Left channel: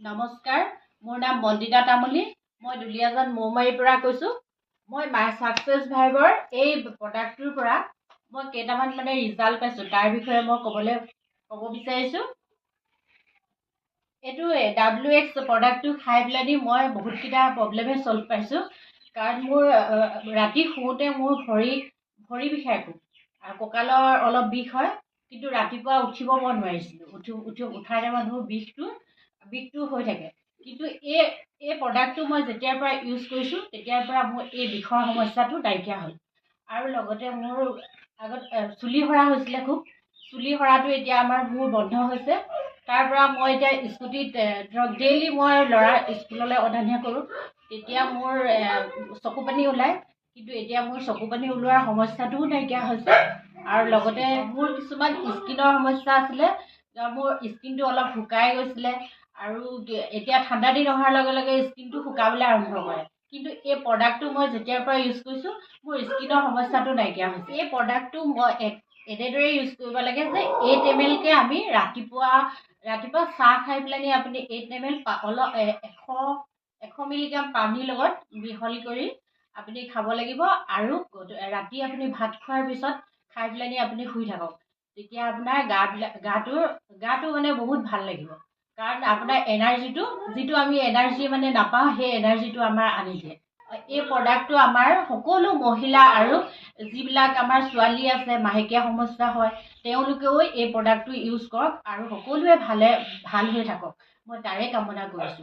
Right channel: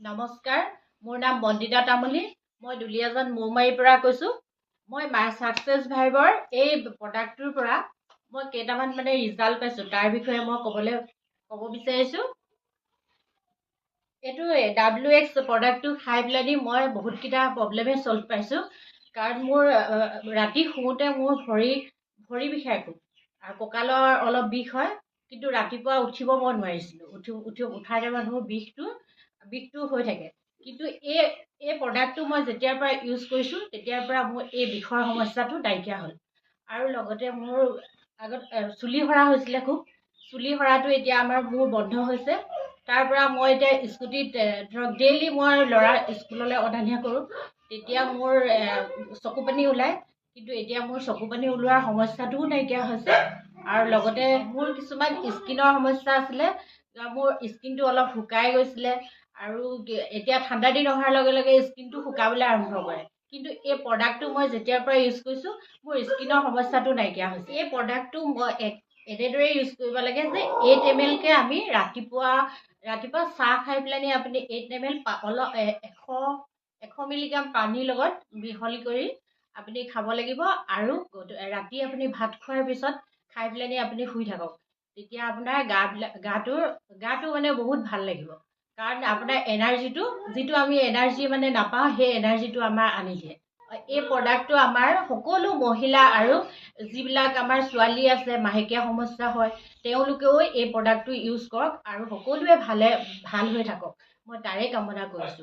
নমস্কাৰ, মোৰ নাম বন্দিতা তামুলী। মই দুলীয়াজান মৌমাৰীৰ পৰা কৈছোঁ। মই ছাকচেছ ভাইবৰ এই প্ৰডাক্টটোৰ পৰা মই কেইটামান ৰিজাল্ট পাইছোঁ, তাৰ বিষয়ে মই ক'ব বিচাৰিছোঁ। এইটো WX প্ৰডাক্টটো খাই পেলাই মই বহুতকেইটা প্ৰব্লেমে ছল্ভ পাইছোঁ। কাৰণ মোৰ ৰাতি শুওঁতে মোৰ ভৰি বিষায় খুব, আৰু কঁকালৰ অলপ বিষ হয়, কিন্তু ৰাতিপুৱা উঠিব মই নোৱাৰিছিলোঁ। উঠাৰ টাইমত মোৰ বিষটো হৈ থাকে। কিন্তু এই প্ৰডাক্টটো মই যেতিয়াৰ পৰা ইউজ কৰিছোঁ তেতিয়াৰ পৰা মোৰ এই বিষৰ সমস্যাটো নাইকিয়া হ'ল। আৰু লগতে মোৰ আগত চুলি সৰা হৈছিলে খুব, চুলি সৰাটো এতিয়া মোৰ বন্ধ হৈছে। তাৰ পৰা মই এতিয়া স্কুটিত ধৰক ডেইলি মই ল'ৰা স্কুললৈ অনা নিয়া কৰোঁ, তেতিয়া মোৰ চকু পানী ওলায়, কিন্তু এতিয়া মোৰ চকু পানী ওলোৱাৰ সমস্যাটোও নাইকিয়া হৈছে। আৰু লগতে মোৰ কিছুমান স্কিনৰ সমস্যা আছিলে, মোৰ স্কিনটো অলপ শুকাই গৈছিলে, আৰু এতিয়া ঠাণ্ডা দিন অহাৰ লগে লগে স্কিনটো শুকাবলৈ আৰম্ভ কৰে। কিন্তু এই প্ৰডাক্টটো মই যেতিয়াৰ পৰা ইউজ কৰিছোঁ মোৰ স্কিনৰ সমস্যাটো নাইকিয়া হৈছে। এই প্ৰডাক্টটো মই এনেদৰে ইউজ কৰিব লাগে যে 8 ml আমি ৰাতিপুৱা চাহ খাই পেলাই আপুনি 8 ml অলপ 100 মিলিগ্ৰাম পানীৰ লগত মিহলি কৰি আপুনি খাব লাগিব। আৰু ৰাতি আপুনি ভাত খোৱাৰ পিছত খাই পেলাই আপুনি শুই থাকক, তেতিয়া আপোনাৰ গাটো বহুত ভাল লাগিব। কাৰণ আপোনাৰ এনাৰ্জিটো, যিটো আমি এনাৰ্জি নাপাওঁ, সেই এনাৰ্জিটো আমাৰ আনি দিয়ে। এই প্ৰডাক্টটো আমাৰ সকলো মহিলা আৰু যিবিলাক আমাৰ ছোৱালী আছে মাহেকীয়া সমস্যা হয়, তেওঁলোকেও এই প্ৰডাক্টটো ইউজ কৰক আৰু সকলোৱে ভাল হৈ থাকক, মই তাৰে কামনা কৰিছোঁ।